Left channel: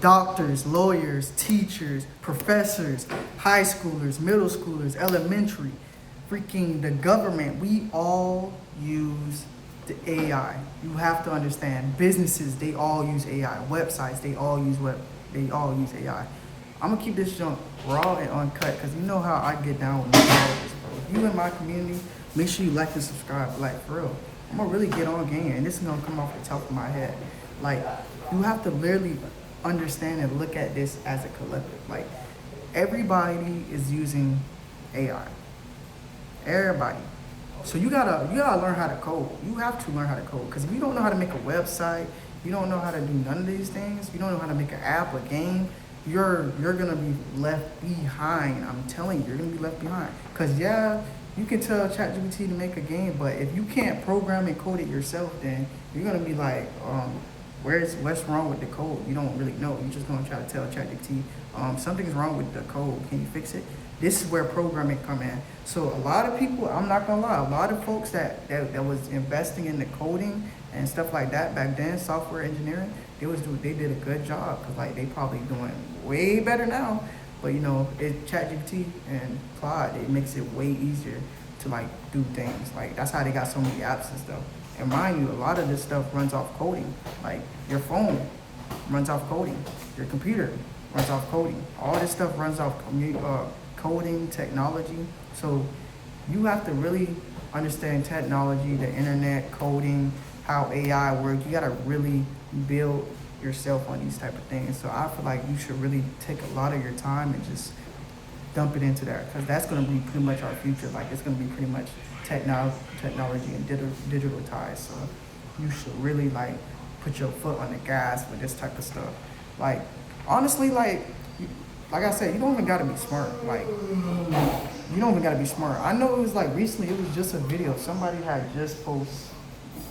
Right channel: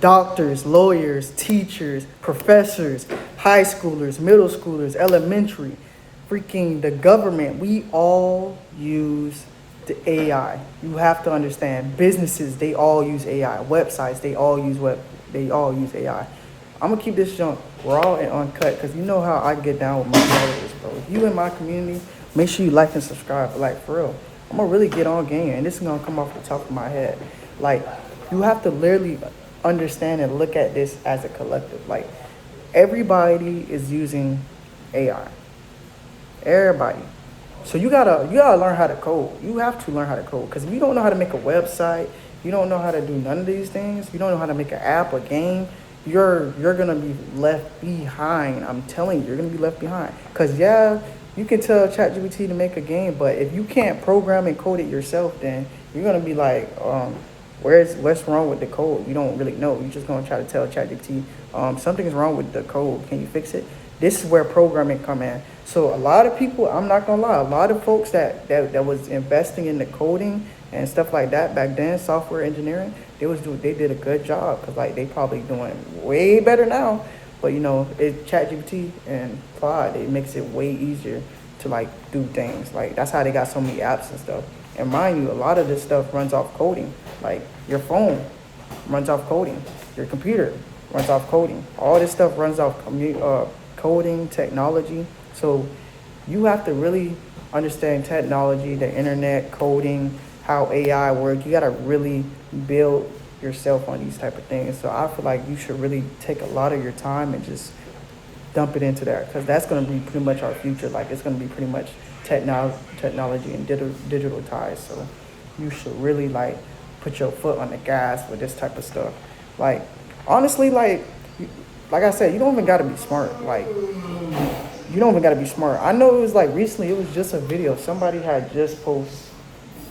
doctors, lawyers, teachers, professors, high schoolers, middle schoolers, elementary, freaking the government. We all use the AI. You have to understand. Businesses, they all use AI. Websites, they all use AI. I'm gonna keep this junk raw and uncut because you know how I get down with my followers, bro. If you in my community, make sure you like and subscribe. But like for real, I'm gonna really get on game, and this is gonna come off the top of my head. Like you have to literally understand and look at this as a collective. Like everybody is using AI. Everybody. So you gotta learn how to code. You have to learn how to code because if you don't know how to make a website, you don't know how to do none of these things. You don't know how to make an app, a game. You're gonna be left behind. I'm telling you, you're gonna be left behind. Cause yeah, you can tell ChatGPT to make a game, but if you can't program and code it yourself, then you're gonna be like, what's wrong with the code? You don't really know. You're just gonna try to tell ChatGPT, something's wrong with the code. Can you fix it? This is where programming come in. So a lot of people, I'm not gonna lie, a lot of folks that was investing in the coding and stuff like that back then, software engineering, they did a good job because like they probably doing way better now. But you know, ChatGPT and Claude, it makes it way easier to like do things. Like that's how they got so many apps and stuff. And mind you, a lot of this stuff runs off coding. Like your phone runs off coding, your computer runs off coding. All this stuff runs off coding, technology. So you have to really understand technology, the internet, coding, how AI works. You gotta really build yourself on these type of things. So I feel like you should really take a lot of your time and just dump it into that because that's gonna be pretty much our future. Like it's gonna be pretty much technology and digital ties. So you should really like put your foot on the gas with this type of stuff. Like honestly, like I said, you don't even gotta be smart. Like you don't even gotta be smart. I know it was like recently, it was just a video. Somebody had just posted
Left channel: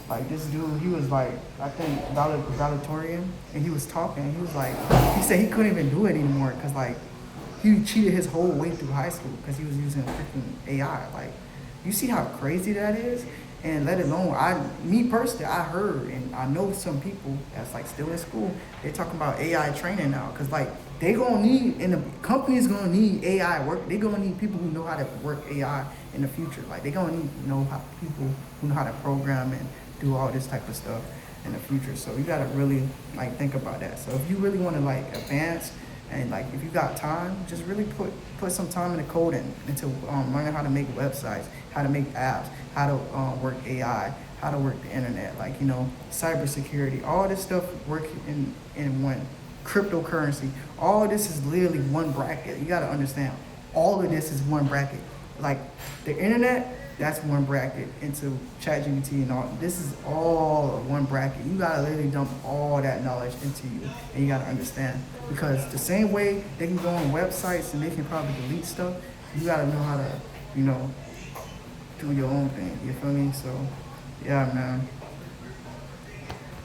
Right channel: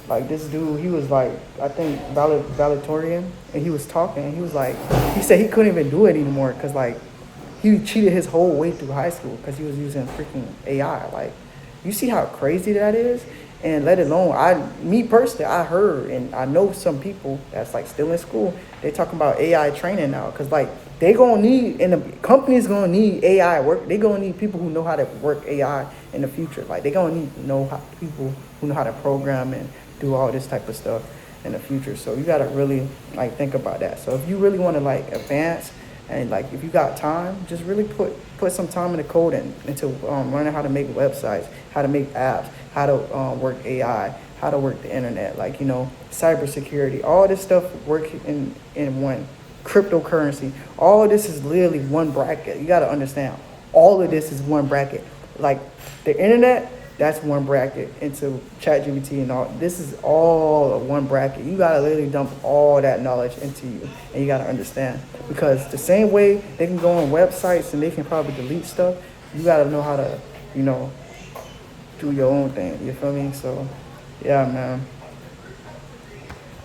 like this dude, he was like, I think valedictorian, and he was talking. He was like, he said he couldn't even do it anymore because like he cheated his whole way through high school because he was using freaking AI. Like, you see how crazy that is? And let alone, me personally, I heard and I know some people that's like still in school, they talking about AI training now because like they gonna need, and the company's gonna need AI work. They gonna need people who know how to work AI in the future. Like they gonna need people who know how to program and do all this type of stuff in the future. So you gotta really like think about that. So if you really want to like advance and like if you got time, just really put some time in the coding into learning how to make websites, how to make apps, how to work AI, how to work the internet, like, you know, cybersecurity, all this stuff work in one. Cryptocurrency, all of this is literally one bracket. You got to understand, all of this is one bracket. Like the internet, that's one bracket into ChatGPT and all. This is all of one bracket. You got to literally dump all that knowledge into you, and you got to understand, because the same way they can go on websites and they can probably delete stuff, you got to know how to, you know, do your own thing. You feel me? So, yeah, man.